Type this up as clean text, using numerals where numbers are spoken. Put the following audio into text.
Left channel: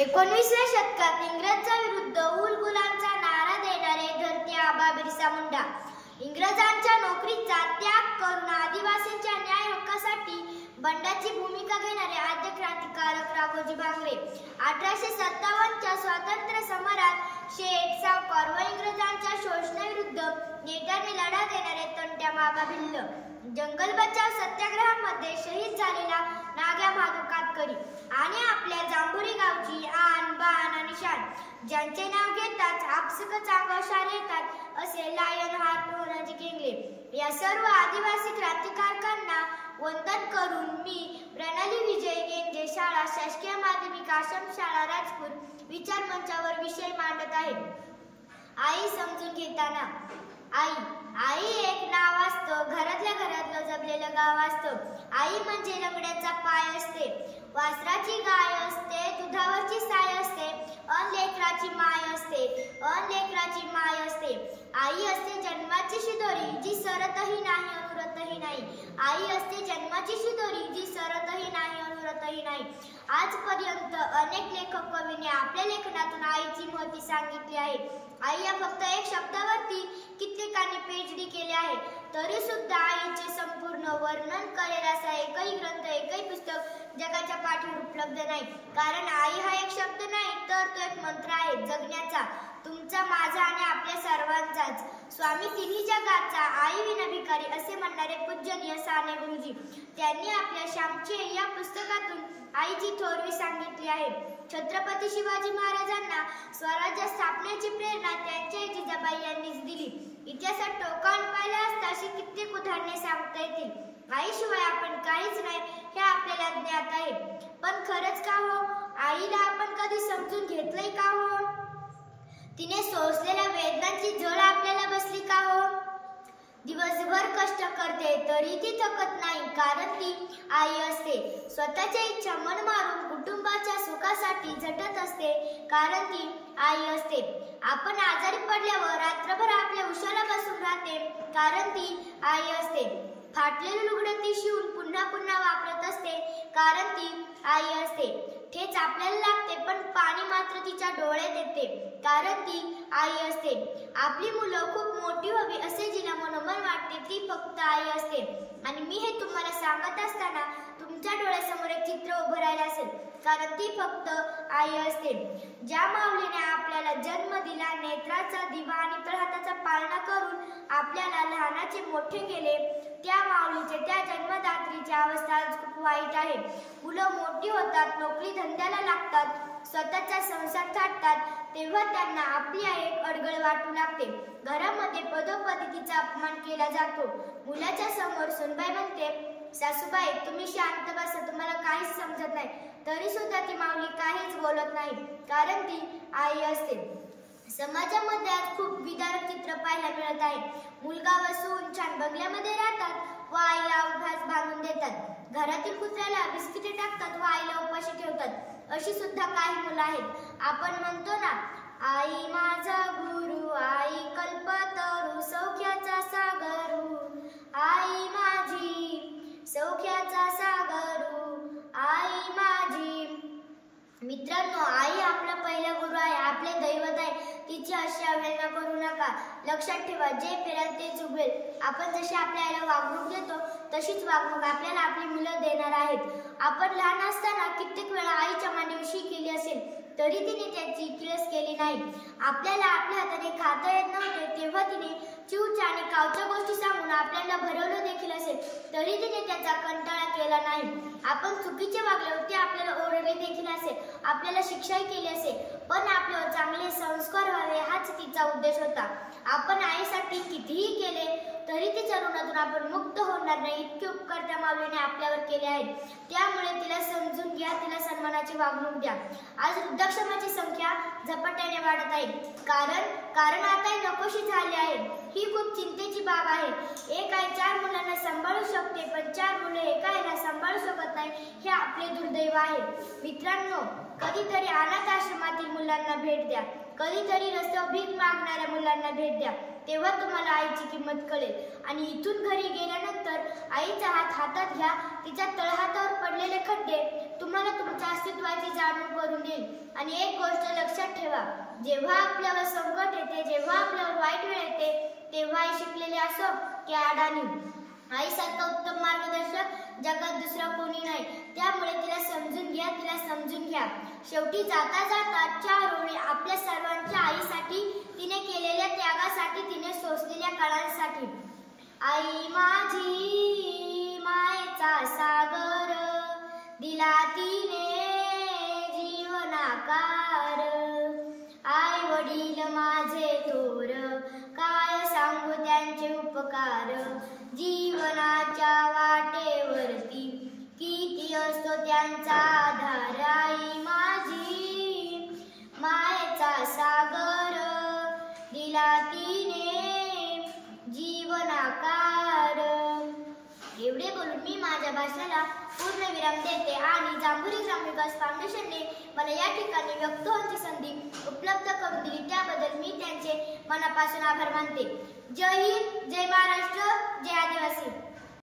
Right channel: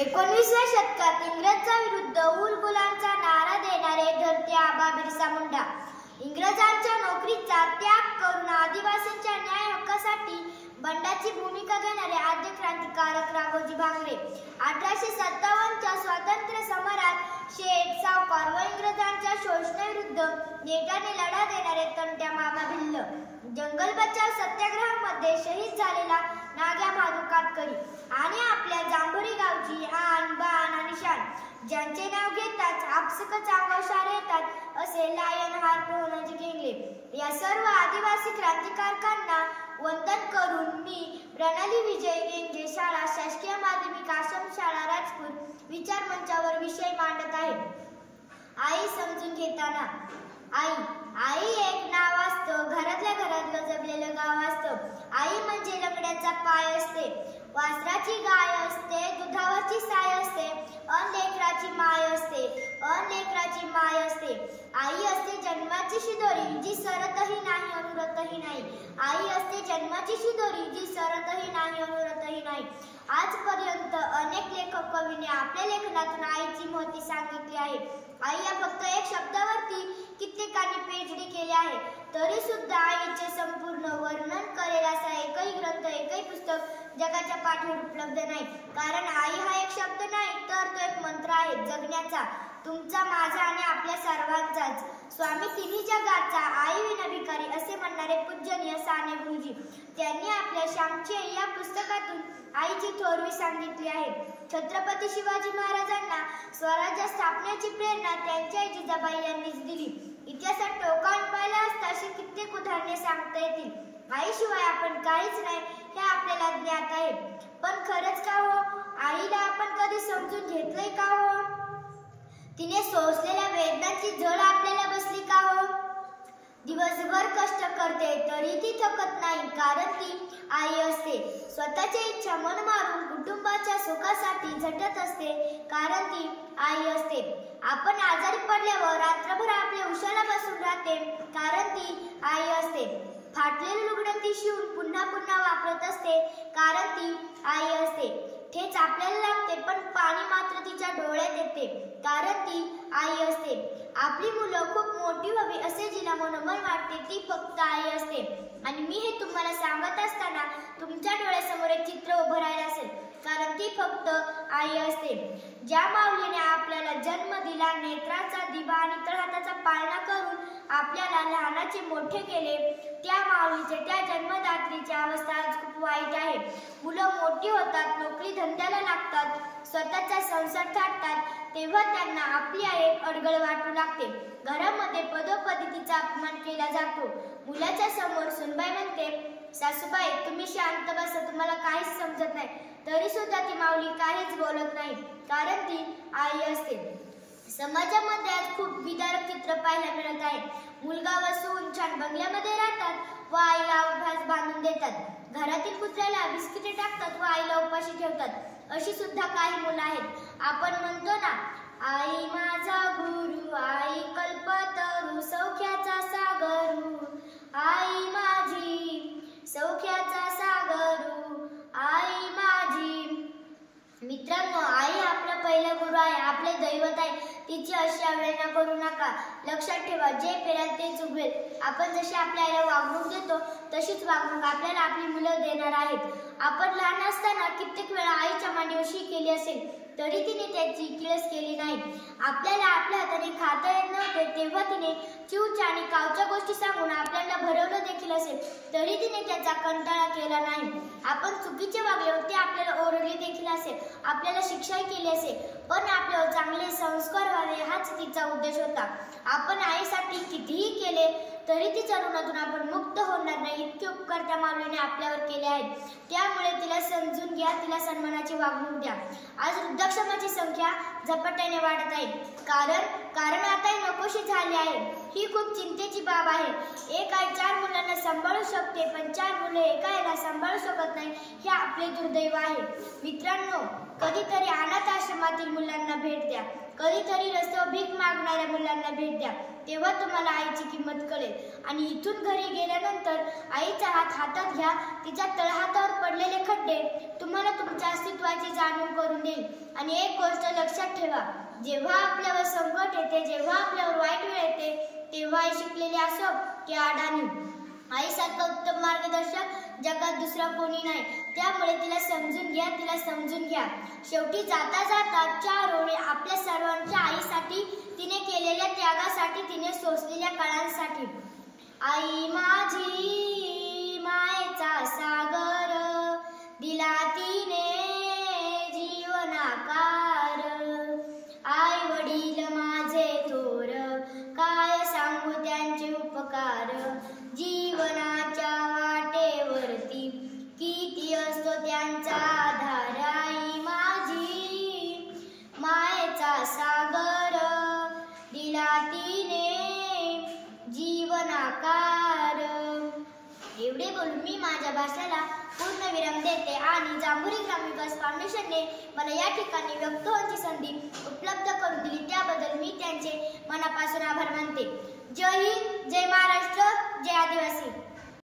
19व्या शतकात इंग्रजांच्या विरुद्ध उलगुलांचा नारा देणारे धरती आबा बिरसा मुंडा, इंग्रजांच्या नोकरीचा त्याग करून आदिवासींच्या न्याय हक्कासाठी बंडाची भूमिका घेणारे आद्य क्रांतिकारक राघोजी भांगरे, 1857च्या स्वातंत्र्य समरात शेठ सावकार व इंग्रजांच्या शोषणाविरुद्ध नेटाने लढा देणारे तंट्या मामा भिल्ल, जंगल बचाव सत्याग्रहामध्ये शहीद झालेला नाग्या महादू कातकरी आणि आपल्या जांभुरी गावची आन बान आणि शान, ज्यांचे नाव घेताच आपसकच अंगावर शाल येतात असे लायन हार्ट होनाजी गेंगले, या सर्व आदिवासी क्रांतिकारकांना वंदन करून मी प्रणाली विजय गेंजे शाळा शासकीय माध्यमिक आश्रम शाळा राजपूर विचार मंचावर विषय मांडत आहे. आई समजून घेताना. आई एक नाव असतं, घरातल्या घरात गजबलेलं गाव असतं. आई म्हणजे लंगड्याचा पाय असते, वासराची गाय असते, दुधावरची साय असते, अन लेकराची माय असते, माय असते. आई असते जन्माची शिदोरी जी सरतही नाही अनुरतही नाही. आई असते जन्माची शिदोरी जी सरतही नाही अनुरतही नाही. आजपर्यंत अनेक लेखक कवींनी आपल्या लेखनातून आईची महती सांगितली आहे. आई या फक्त एक शब्दावरती कित्येकांनी पीएचडी केले आहे, तरी सुद्धा आईचे संपूर्ण वर्णन करेल असा एकही ग्रंथ, एकही पुस्तक जगाच्या पाठीवर उपलब्ध नाही. कारण आई हा एक शब्द नाही, तर तो एक मंत्र आहे जगण्याचा, तुमचा, माझा आणि आपल्या सर्वांचाच. स्वामी तिन्ही जगाचा आई विना भिकारी असे म्हणणारे पूजनीय साने गुरुजी, त्यांनी आपल्या श्यामची आई या पुस्तकातून आईची थोरवी सांगितली आहे. छत्रपती शिवाजी महाराजांना स्वराज्य स्थापनेची प्रेरणा त्यांच्या आई जिजाबाई यांनीच दिली. इतिहासात टोकावून पाहिला असता अशी कित्येक उदाहरणे सांगता येतील. आईशिवाय आपण काहीच नाही हे आपल्याला ज्ञात आहे. पण खरंच का हो, आईला आपण कधी समजून घेतलंय का हो? तिने सोसलेल्या वेदनांची झळ आपल्याला बसली का हो? दिवसभर कष्ट करते तरी ती थकत नाही, कारण ती आई असते. स्वतःच्या इच्छा मन मारून कुटुंबाच्या सुखासाठी झटत असते, कारण ती आई असते. आपण आजारी पडल्यावर रात्रभर आपल्या उशाला बसून राहते, कारण ती आई असते. फाटलेले लुगडं ती शिवून पुन्हा पुन्हा वापरत असते, कारण ती आई असते. ठेच आपल्याला लागते पण पाणी मात्र तिच्या डोळ्यात येते, कारण ती आई असते. आपली मुलं खूप मोठी व्हावी असे जिला मनोमन वाटते, ती फक्त आई असते. आणि मी हे तुम्हाला सांगत असताना तुमच्या डोळ्यासमोर एक चित्र उभं राहिलं असेल, कारण ती फक्त आई असते. ज्या माऊलीने आपल्याला जन्म दिला, नेत्राचा दिवा आणि तळहाताचा पाळणा करून आपल्याला लहानाचे मोठे केले, त्या माऊलीचे, त्या जन्मदात्रीची अवस्था आज खूप वाईट आहे. मुलं मोठी होतात, नोकरी धंद्याला लागतात, स्वतःचा संसार थाटतात, तेव्हा त्यांना आपली आई एक अडगळ वाटू लागते. घरामध्ये पदोपदी तिचा अपमान केला जातो. मुलाच्या समोर सुनबाई म्हणते, सासूबाई तुम्ही शांत बसा, तुम्हाला काहीच समजत नाही. तरी सुद्धा ती माऊली काहीच बोलत नाही, कारण ती आई असते. समाजामध्ये आज खूप विदारक चित्र पाहायला मिळत आहे. मुलगा व सून छान बंगल्यामध्ये राहतात व आईला उपास बांधून देतात. घरातील कुत्र्याला बिस्किटे टाकतात व आईला उपाशी ठेवतात. अशी सुद्धा काही मुलं आहेत. आपण म्हणतो ना, आई माझा गुरु, आई कल्पतरू, सौख्याचा सागरू, आई माझी सौख्याचा सागरू, आई माझी. मित्रांनो, आई आपला पहिला गुरु आहे, आपले दैवत आहे. तिची अशी अवहेलना करू नका. लक्षात ठेवा, जे पेराल तेच उगवेल. आपण जशी आपल्या आईला वागणूक देतो तशीच वागणूक आपल्याला आपली मुलं देणार आहेत. आपण लहान असताना कित्येक वेळा आईच्या मांडीवर शी केली असेल, तरी तिने त्याची किळस केली नाही. आपल्याला आपल्या हाताने खाता येत नव्हते, तेव्हा तिने चिवच्या आणि कावच्या गोष्टी सांगून आपल्याला भरवलं देखील असेल, तरी तिने त्याचा कंटाळा केला नाही. आपण चुकीचे वागले होते, आपल्याला ओरडले देखील असेल, आपल्याला शिक्षाही केली असेल, पण आपल्यावर चांगले संस्कार व्हावे हाच तिचा उद्देश होता. आपण आईसाठी कितीही केले तरी तिच्या ऋणातून आपण मुक्त होणार नाही, इतके उपकार त्या माऊलीने आपल्यावर केले आहेत. त्यामुळे तिला समजून घ्या, तिला सन्मानाची वागणूक द्या. आज वृद्धाश्रमाची संख्या झपाट्याने वाढत आहे, कारण आता नकोशी झाली आहे. ही खूप चिंतेची बाब आहे. एक आई 4 मुलांना सांभाळू शकते, पण 4 मुलं एका आईला सांभाळू शकत नाही, हे आपले दुर्दैव आहे. मित्रांनो, कधीतरी अनाथ आश्रमातील मुलांना भेट द्या, कधीतरी रस्त्यावर भीक मागणाऱ्या मुलांना भेट द्या, तेव्हा तुम्हाला आईची किंमत कळेल. आणि इथून घरी गेल्यानंतर आईचा हात हातात घ्या, तिच्या तळहातावर पडलेले खड्डे तुम्हाला तुमच्या अस्तित्वाची जाणीव करून देईल. आणि एक गोष्ट लक्षात ठेवा, जेव्हा आपल्यावर संकट येते, जेव्हा आपल्यावर वाईट वेळ येते, तेव्हा आई शिकलेली असो की अडाणी, आईसारखा उत्तम मार्गदर्शक जगात दुसरा कोणी नाही. त्यामुळे तिला समजून घ्या, तिला समजून घ्या. शेवटी जाता जाता 4 ओळी आपल्या सर्वांच्या आईसाठी, तिने केलेल्या त्यागासाठी, तिने सोसलेल्या काळांसाठी. आई माझी मायेचा सागर, दिला तिने जीवनाकार. आई वडील माझे थोर, काय सांगू त्यांचे उपकार. जीवनाच्या वाटेवरती किती असतो त्यांचा आधार. आई माझी मायेचा सागर, दिला तिने जीवनाकार. एवढे बोलून मी माझ्या भाषणाला पूर्णविराम देते आणि जांभुरी ग्रामविकास फाउंडेशनने मला या ठिकाणी व्यक्त होण्याची संधी उपलब्ध करून दिली, त्याबद्दल मी त्यांचे मनापासून आभार मानते. जय हिंद, जय महाराष्ट्र, जय आदिवासी.